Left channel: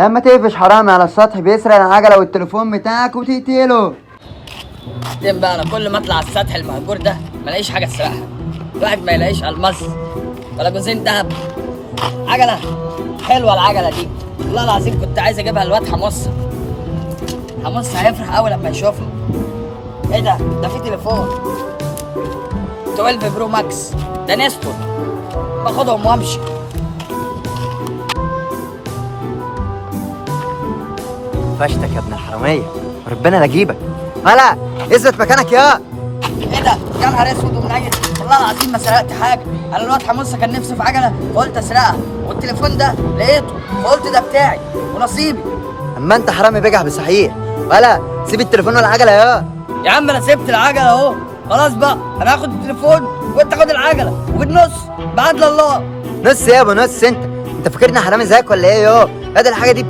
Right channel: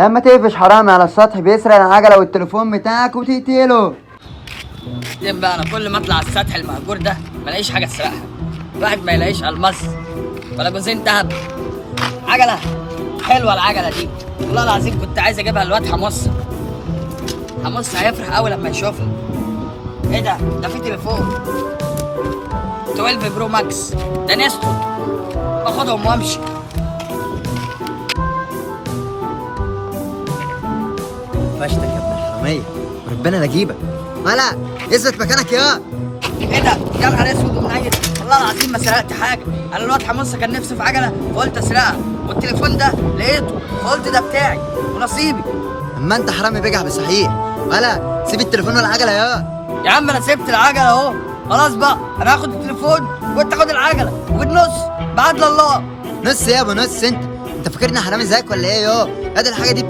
لما تقفش حرامي على السطح بيسرق العجله والتليفون بتاعك وتقتله. بعدين بقى انا كل ما اطلع على السطح المهجور ده ما الاقيش حاجه اسرقها. الواحد ما يلاقيش الماس ولا جوزين دهب. عجله حلوه العجله دي، والله العظيم كنت عايز اجيبها للواد حمص. حمص هيفرح قوي لما يشوفها. ايه ده في تليفون 12 برو ماكس، ده نستو. باخدهم وامشي. فشتك يا ابن الحراميه وربنا لا اجيبك. هلا اثبت مكانك يا ايه ده يا نهار اسود ومنيل. والله العظيم ما سرقت حاجه. انا الواد حمص كان نفسي في عجله فقلت اسرقها، والتليفون ده لقيته فقلت ده بتاعي ونصيبي. اما انت حرامي بجح بصحيح. هلا سيب التليفون والعجله يا عم انا سبت العجله اهو، خلاص بقى انا هاخد التليفون وانت خد العجله وبالنص بعدل الله. نص يا ابو نص. انت فاكرني حرامي زيك ولا ايه ادي الحاجه دي